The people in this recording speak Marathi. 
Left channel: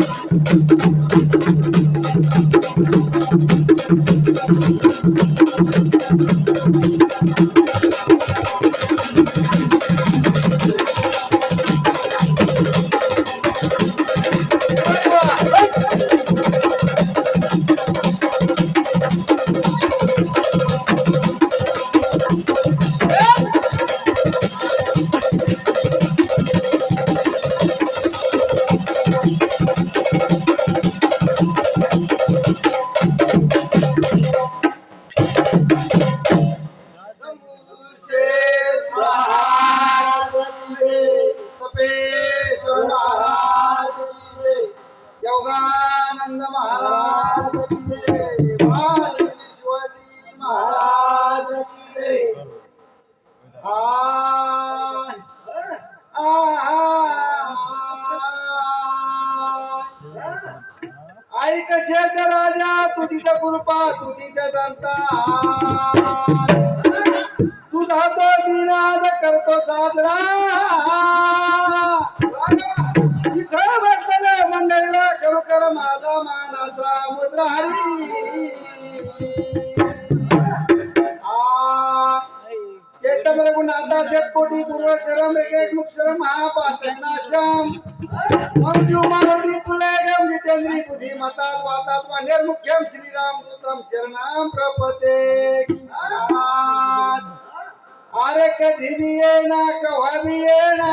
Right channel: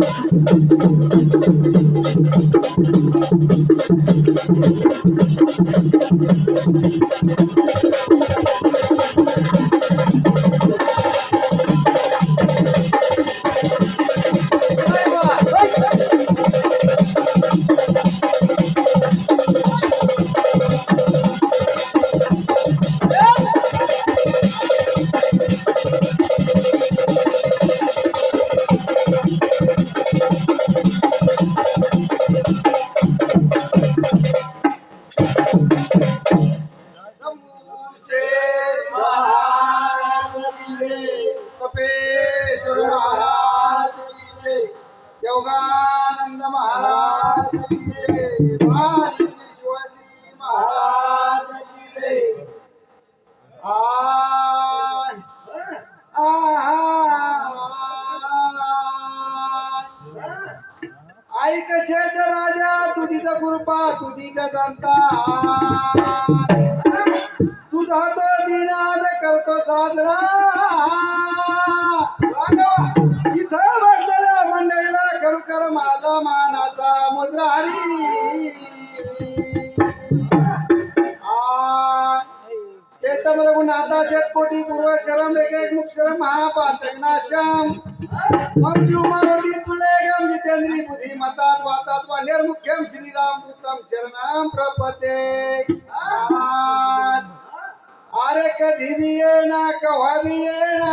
Thank you. ऐक शेष राजा तुझी तर कृपा तुझी तर दंता. मानाचा मुद्रा हरी चेतम रघुनाथा शेतकोटी पूर्व शरम एक एक मुख शरम महापात्रनाशम मंजू मारुती तुले गम जितेंद्री बुद्धी मतात वातात वा निर्मुख्यम श्रीराम दूतम शरणम प्रपते. अरे कधी भी येना कव्हा भी येना